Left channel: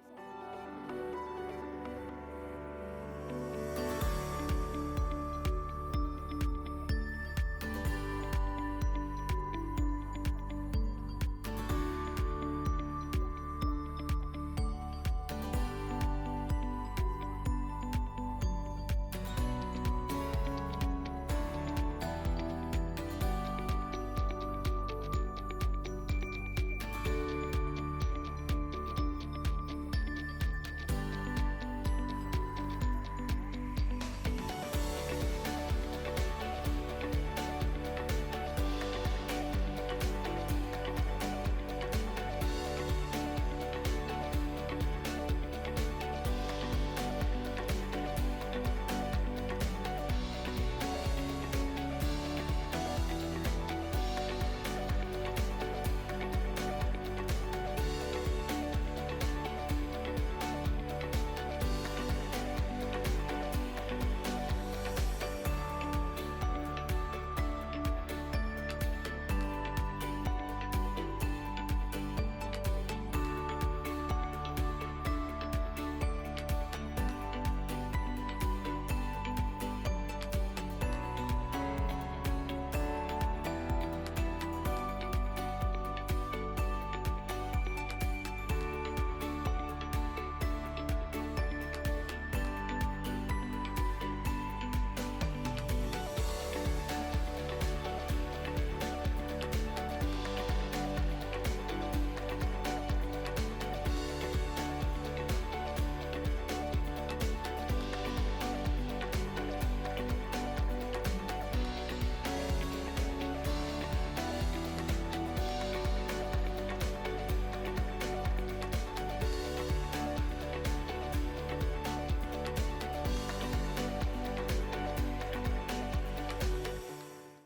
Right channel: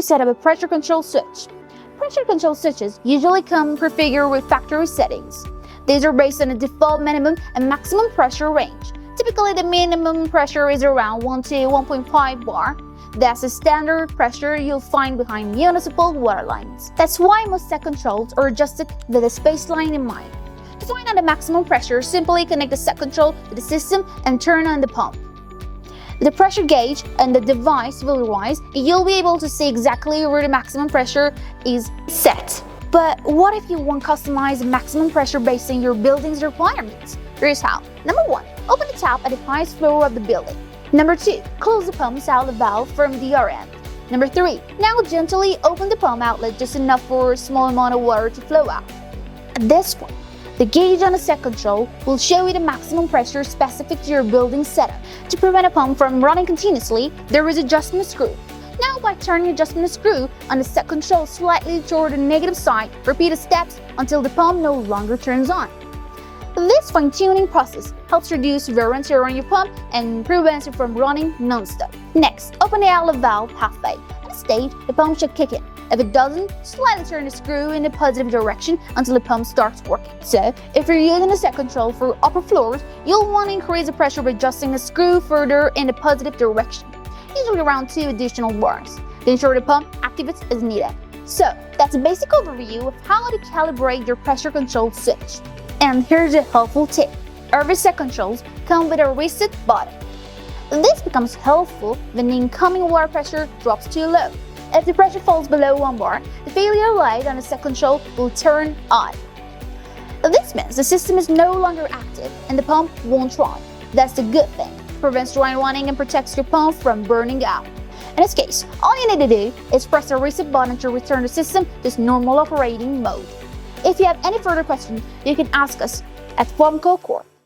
to set up a pressure control switch. Pressure control switches usually come prefigured with factory settings. These are based on a default minimum and maximum pressure range. Typically, the minimum pressure is around 1 to 1.5 bar. That's the standard pressure you'll find behind municipal water lines. That's why most set controls are adjusted with a spaceline in mind. To find out the maximum pressure, simply connect the set control to the system and turn on the pump. The pressure gauge and the device will rise, and you'll be able to see exactly where the maximum pressure is set. But what if you want customized maximum pressure based on your building's requirements? Here's how. Number 1. Open the tap at the highest floor of the building. Number 2. Close the pump's outlet valve from the other end. Number 3. Now gently open the pump outlet just enough for a small amount of water to flow out. At this point, the gauge on the set control will show you the maximum pressure specific to your building setup. To prevent a pump from running continuously, there is adjustment screw. Now by turning the adjustment screw on the set control slightly toward the negative side, repeat the steps until the pump no longer turns on. This fine-tuning process helps reduce wear and tear on your pump and prevents it from running non-stop. Next, open the outlet valve halfway. At this stage, the pump should kick in. If it doesn't, slightly turn the screw in the positive direction until the pump starts working. So, if you're using the set control for upper floors, you'll want to increase the pressure by adjusting the screw further in the positive direction, usually around 2 additional bars, to ensure the pump activates as needed. So, that's a basic overview of how to calibrate your pressure control switch. And here's a helpful tip. Every set controls come with a reset button. This becomes helpful when the incoming water pressure drops too low. If the pressure falls below 1 bar, the failure light on the set control will turn on. This means the system is no longer active and the pump won't run. That's the good thing. It prevents dry running and protects your pump from burning out. In this case, all you need to do is press the reset button to return the system to its normal operating mode. If you have any further questions, you can ask us at Formco Corp.